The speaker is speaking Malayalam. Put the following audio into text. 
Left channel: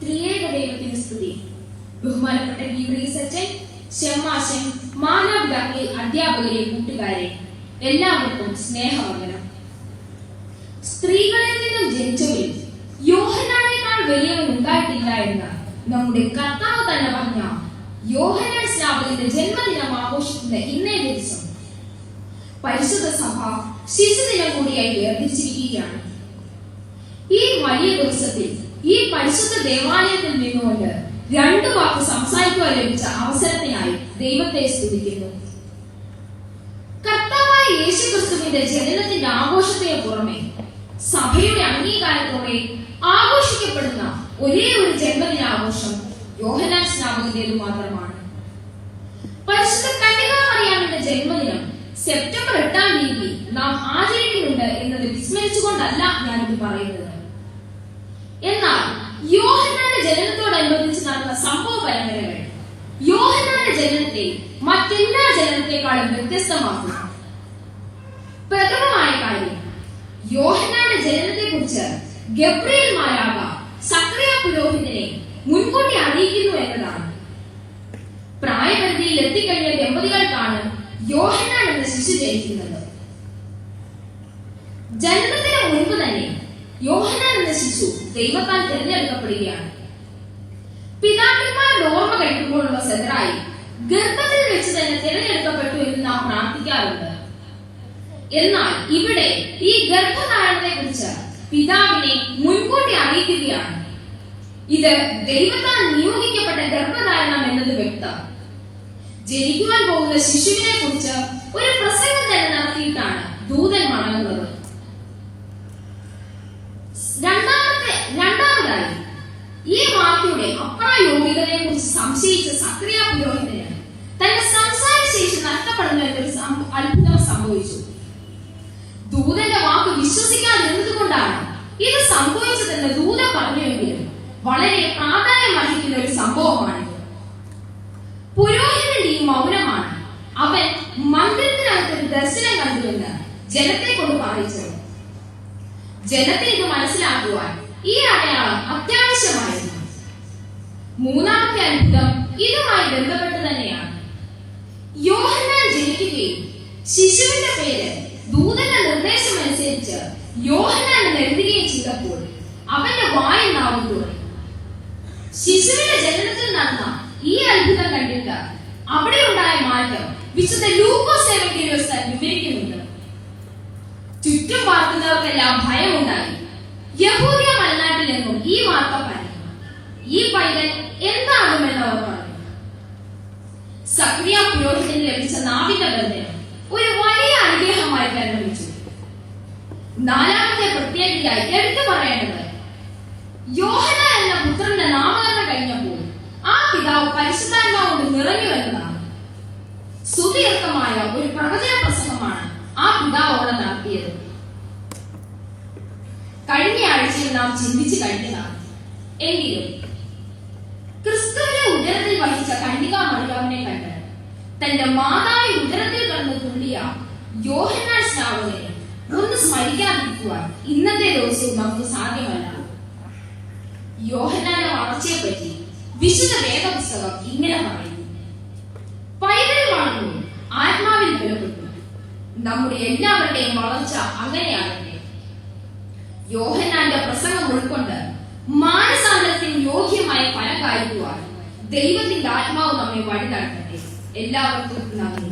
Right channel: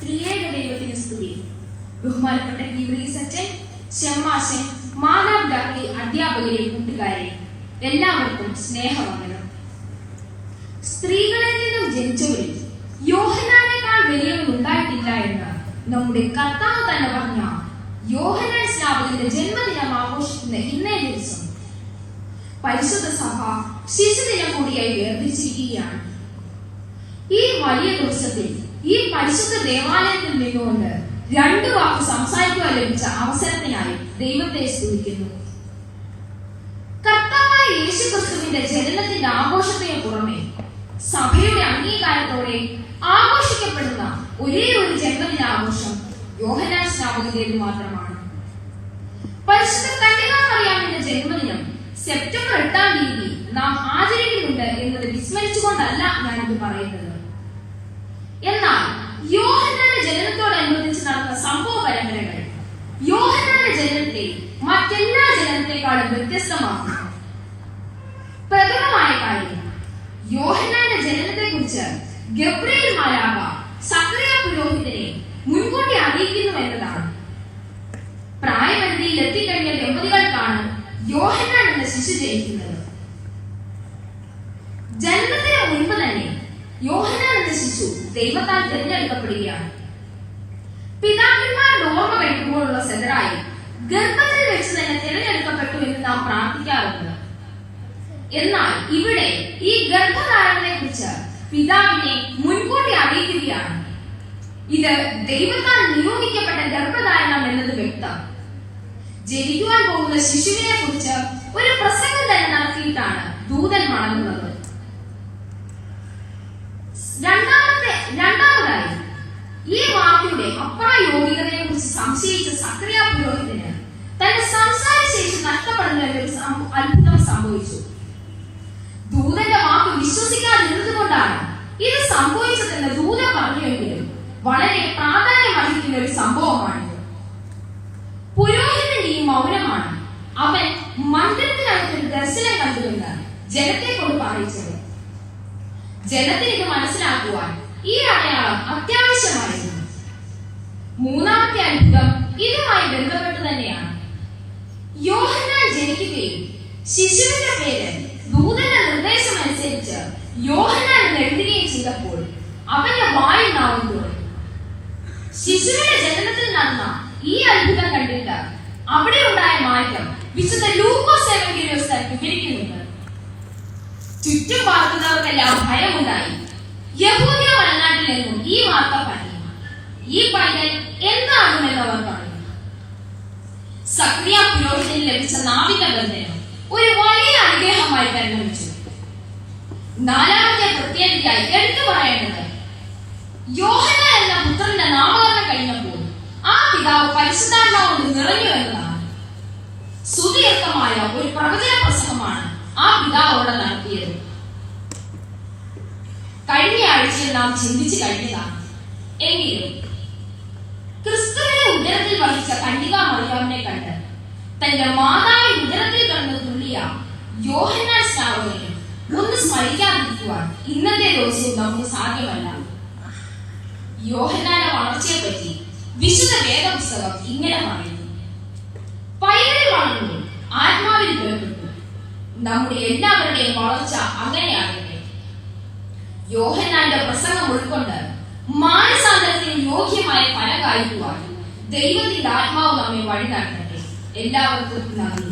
ത്രിയേക ദൈവത്തിന് സ്തുതി. ബഹുമാനപ്പെട്ട ഗീവറീസ് അച്ഛൻ, ഷമ്മാശൻ, മാതാപിതാക്കളെ, അധ്യാപകരെ, കൂട്ടുകാരെ, എല്ലാവർക്കും സ്നേഹവന്ദനം. സ്ത്രീകളിൽ നിന്നും ജനിച്ചവരിൽ യോഹന്നാനേക്കാൾ വലിയവൻ ഉണ്ടായിട്ടില്ല എന്ന് നമ്മുടെ കർത്താവ് തന്നെ പറഞ്ഞ യോഹന്നാൻ സ്നാപകന്റെ ജന്മദിനം ആഘോഷിക്കുന്ന ഇന്നേ ദിവസം പരിശുദ്ധ സഭ ശിശുദിനം കൂടിയായി വേർതിരിച്ചിരിക്കുകയാണ്. ഈ വലിയ ദിവസത്തിൽ ഈ പരിശുദ്ധ ദേവാലയത്തിൽ നിന്നുകൊണ്ട് രണ്ടു വാക്ക് സംസാരിക്കുവാൻ ലഭിച്ച അവസരത്തിനായി ദൈവത്തെ സ്തുതിക്കുന്നു. കർത്താവായ യേശുക്രിസ്തുവിന്റെ ജനനത്തിന്റെ ആഘോഷത്തിന് പുറമെ സഭയുടെ അംഗീകാരത്തോടെ ആഘോഷിക്കപ്പെടുന്ന ഒരേ ഒരു ജന്മദിനാഘോഷം യോഹന്നാൻ സ്നാപകന്റേത് മാത്രമാണ്. പരിശുദ്ധ കന്യകാമറിയാമിന്റെ ജന്മദിനം സെപ്റ്റംബർ 8-ാം തീയതി നാം ആചരിക്കുന്നുണ്ട് എന്നത് വിസ്മരിച്ചുകൊണ്ടല്ല ഞാനിത് പറയുന്നത്. എന്നാൽ യോഹന്നാന്റെ ജനനത്തോടനുബന്ധിച്ച് നടന്ന സംഭവ പരമ്പരകൾ യോഹന്നാന്റെ ജനനത്തെ മറ്റെല്ലാ ജനനത്തെക്കാളും വ്യത്യസ്തമാക്കുന്നു. പ്രഥമമായ കാര്യം, യോഹന്നാന്റെ ജനനത്തെ കുറിച്ച് ഗബ്രിയേൽ മാലാഖ സക്കറിയ പുരോഹിതനെ മുൻകൂട്ടി അറിയിക്കുന്നു എന്നതാണ്. പ്രായപരിധിയിൽ എത്തിക്കഴിഞ്ഞ ദമ്പതികൾക്കാണ് യോഹന്നാൻ എന്ന ശിശു ജനിക്കുന്നത്. ജന്മത്തിന് മുൻപ് തന്നെ യോഹന്നാൻ എന്ന ശിശു ദൈവത്താൽ തിരഞ്ഞെടുക്കപ്പെടുകയാണ്. പിതാക്കന്മാരുടെ ഓർമ്മ കഴിക്കുമ്പോഴുള്ള സെതറായി ഗർഭത്തിൽ വെച്ച് തന്നെ തിരഞ്ഞെടുക്കപ്പെട്ടു എന്ന് നാം പ്രാർത്ഥിക്കാറുണ്ട്. എന്നാൽ ഇവിടെ ഈ ഗർഭധാരണത്തെ കുറിച്ച് പിതാവിനെ മുൻകൂട്ടി അറിയിക്കുകയാണ്. ഇത് ദൈവത്താൽ നിയോഗിക്കപ്പെട്ട ഗർഭധാരണം എന്നത് വ്യക്തം. ജനിക്കുവാൻ പോകുന്ന ശിശുവിനെ കുറിച്ച് ഒരു പ്രസംഗം തന്നെ നടത്തിയിട്ടാണ് ദൂതൻ മടങ്ങുന്നത്. രണ്ടാമതായി, ഈ വാർത്തയുടെ അപ്രായോഗികതയെ കുറിച്ച് സംശയിച്ച സക്കറിയ പുരോഹിതന് തന്റെ സംസാര ശേഷി നഷ്ടപ്പെടുന്ന ഒരു അത്ഭുതം സംഭവിച്ചു. ദൂതന്റെ വാക്ക് വിശ്വസിക്കാതിരുന്നത് കൊണ്ടാണ് ഇത് സംഭവിച്ചതെന്ന് ദൂതൻ പറഞ്ഞുവെങ്കിലും വളരെ പ്രാധാന്യം അർഹിക്കുന്ന ഒരു സംഭവമാണിത്. പുരോഹിതന്റെ ഈ മൗനമാണ് അവൻ മന്ദിരത്തിനകത്ത് ഒരു ദർശനം കണ്ടുവെന്ന് ജനത്തെ കൊണ്ട് പറയിച്ചത്. ജനത്തിന് ഇത് മനസ്സിലാക്കുവാൻ ഈ അടയാളം അത്യാവശ്യമായിരുന്നു. മൂന്നാമത്തെ അത്ഭുതം ഇതുമായി ബന്ധപ്പെട്ട് തന്നെയാണ്. യോഹന്നാൻ ജനിക്കുകയും ശിശുവിന്റെ പേര് ദൂതന്റെ നിർദ്ദേശം അനുസരിച്ച് യോഹന്നാൻ എന്ന് എഴുതുകയും ചെയ്തപ്പോൾ അവന്റെ വായിൽ നാവുന്നു. ശിശുവിന്റെ ജനനത്തിൽ നടന്ന ഈ അത്ഭുതം കണ്ടിട്ട് അവിടെ ഉണ്ടായ മാറ്റം വിശുദ്ധ ലൂക്കോസ് എവങ്കേലിയോസ് വിവരിക്കുന്നുണ്ട്. ചുറ്റും പാർക്കുന്നവർക്കെല്ലാം ഭയമുണ്ടായി. യഹൂദ്യ മലനാട്ടിൽ നിന്നും ഈ വാർത്ത പറഞ്ഞു. ഈ പൈതൽ എന്താകുമെന്ന് അവർ പറഞ്ഞു. സക്കറിയ പുരോഹിതന് ലഭിച്ച നാവിക ബന്ധനം ഒരു വലിയ അനുഗ്രഹമായി പരിണമിച്ചു. നാലാമത്തെ പ്രത്യേകതയായി എടുത്തു പറയേണ്ടത്, യോഹന്നാൻ എന്ന പുത്രന്റെ നാമകരണം കഴിഞ്ഞപ്പോൾ ആ പിതാവ് പരിശുദ്ധാത്മാവ് കൊണ്ട് നിറഞ്ഞു എന്നതാണ്. സുദീർഘമായ ഒരു പ്രവചന പ്രസംഗമാണ് ആ പിതാവോടെ നടത്തിയത്. കഴിഞ്ഞ ആഴ്ചയിൽ നാം ചിന്തിച്ചു കഴിഞ്ഞതാണ്. എങ്കിലും ക്രിസ്തുവിനെ ഉദരത്തിൽ വഹിച്ച കന്യകാമറിയാമിനെ കണ്ട് തന്റെ മാതാവിന്റെ ഉദരത്തിൽ കിടന്ന് തുള്ളിയ യോഹന്നാൻ സ്നാപകനെ ഒന്ന് സ്മരിക്കാതിരിക്കുവാൻ ഇന്നത്തെ ദിവസവും നമുക്ക് സാധ്യമല്ല. യോഹന്നാന്റെ വളർച്ചയെ പറ്റി വിശുദ്ധ വേദപുസ്തകം ഇങ്ങനെ പറയുന്നു: പൈതൽ വളർന്നു, ആത്മാവിൽ ബലപ്പെട്ടു. നമ്മുടെ എല്ലാവരുടെയും വളർച്ച അങ്ങനെയാകട്ടെ. യോഹന്നാന്റെ പ്രസംഗം ഉൾക്കൊണ്ട് മാനസാന്തരത്തിന് യോഗ്യമായ ഫലം കായ്ക്കുവാൻ ദൈവത്തിന്റെ ആത്മാവ് നമ്മെ വഴി നടത്തട്ടെ. എല്ലാവർക്കും നന്ദി.